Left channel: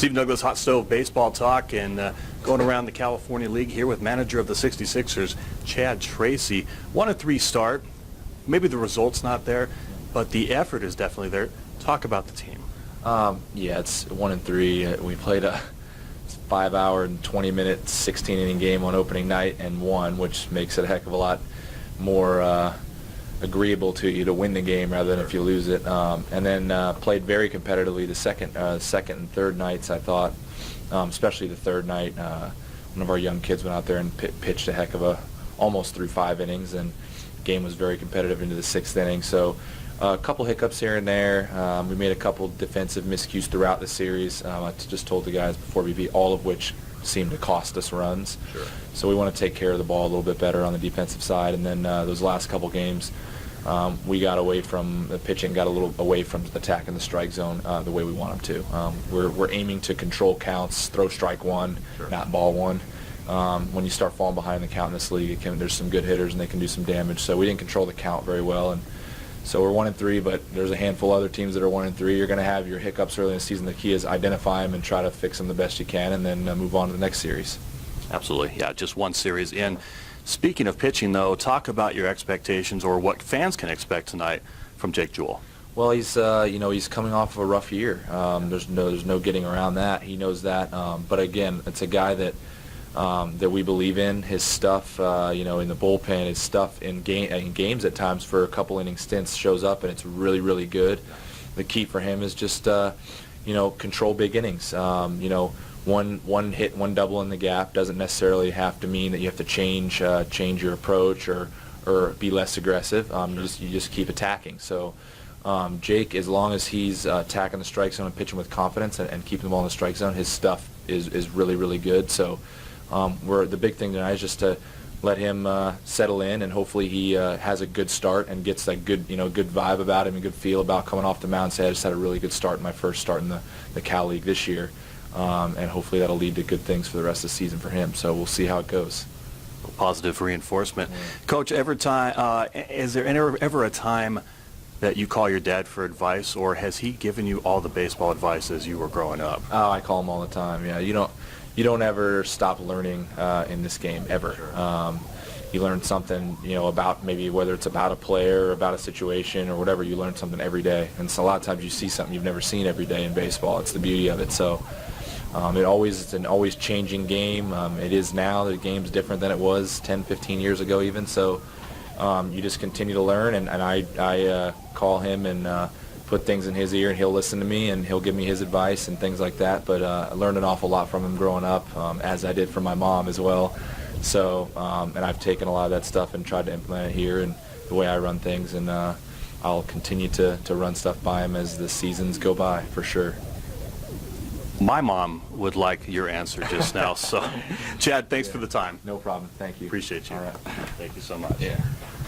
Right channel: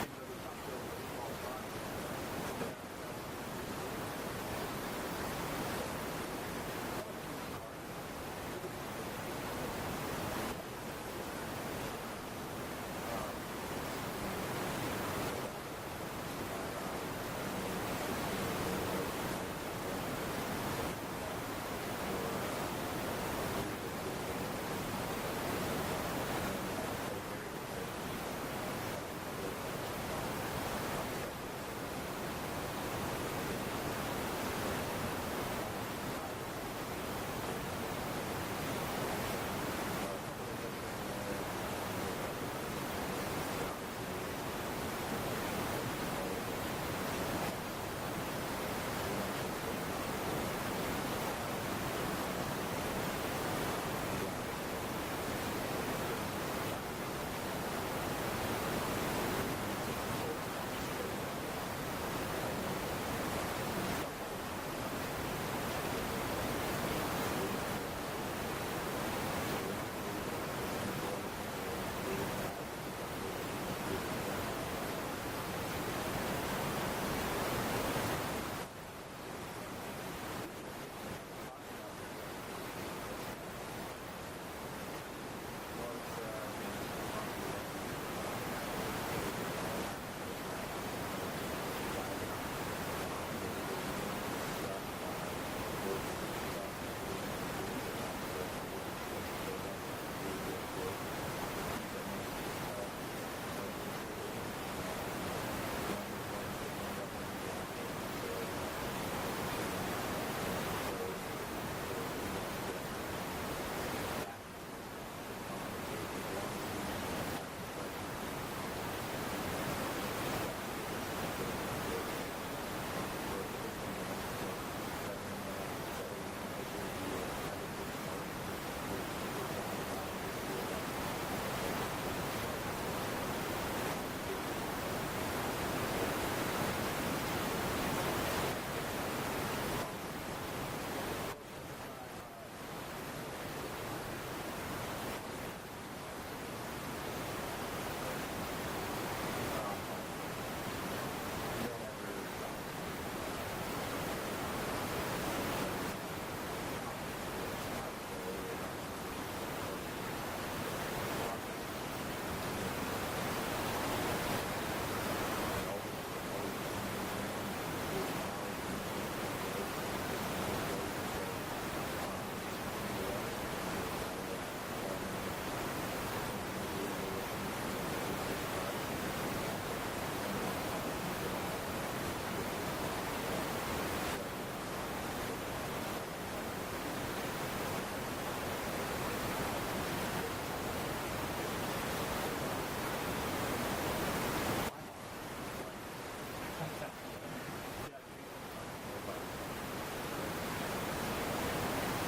Steve Douglas, Hot Stove Baseball Talk, and going around the California League here with manager of the 66ers, Chad Tracy. 1-3 start. Maybe the result's not there, but the effort is definitely there. Talk about the team. Yeah, it's 1-3. We played a 5-hour and 20-minute 16-inning game on opening night and won, which makes it a heck of a lot more agreeable to you to win the game rather than if you lose it. And then played very competitively the second and third nights, I thought, especially the third night. One of our young kids went out there and pitched a heck of a almost through 5 innings, and the game was very competitive into the 6th inning. So a couple hiccups here and there. We made a couple defensive miscues throughout the series. I just told the guys before we beat, all of which seemed to cost us runs. Sure. So we want to take care of the ball a little bit better on the defensive side. And then those last couple games, we got away from the pitching, got a little away from attacking the strike zone the way we wanted to. We're aiming to control counts, throw strike one, not ball one. When you start falling behind the count in this league, there's some good hitters and they can do some damage. So we didn't control the count very well. And so we're 1-3, but there's a handful of other teams that are 1-3. You're going to have your hiccups early in the season. The key is identify them and try to fix them the best you can, and then move on to the next series. Absolutely. Yeah, just one series in. Speaking of pitching, though, talk about your expectations or what fans can expect tonight from Jake Jewell. Well, he's he's coming off of a rough year. There's no getting around that. He knows that. But again, it's a guy that we believe in. His stuff, in the bullpen, his stuff in games at times for a couple inning stints shows up, and it's really, really good. The key for him is just control big innings. One hit, one double in the gap doesn't necessarily have to mean that you have to change your approach or be less aggressive. You just keep attacking. So Jake, as long as he's attacking the strike zone and pitching with confidence and keeping the ball in the strike zone, his stuff is really, really good. So the big thing tonight is just to let him settle in, and hopefully he has a good start and gets that good vibe about him, a good feel about coming off the mound. Say, I just had a really good start in my first start in the Cal League this year. And hopefully that'll lead to good things for the rest of the season for him. So we'll see how it goes. Positive reinforcement. Coach, is there ever a time that you call your dad for advice, or has he given you all the baseball advice as you were growing up? Oh, I call him all the time. Yeah, you don't ever stop learning in this game, ever. You learn something, about maybe whether it's about a player or about a situation or whatever, you learn something every day. And so a lot of times you see something you've never seen every day in baseball. It's the beauty of it. So it's an always changing game. It is now. The game's different than it was 10, 15 years ago even. So you just continue to learn, and I call him and put things in his ear, and he'll listen to me, and he'll give me his advice and things like that. But I learned an awful lot from him growing up, as I did from my mom as well. So, and I've taken a lot of that stuff and tried to implement it here and the way I run things, and I'll continue to run stuff by him as the seasons go by, for sure. My mom would like your answer just now. So, Chad, thanks for the time. No problem. Thank you. Appreciate you. All right. Thank you so much. Yeah.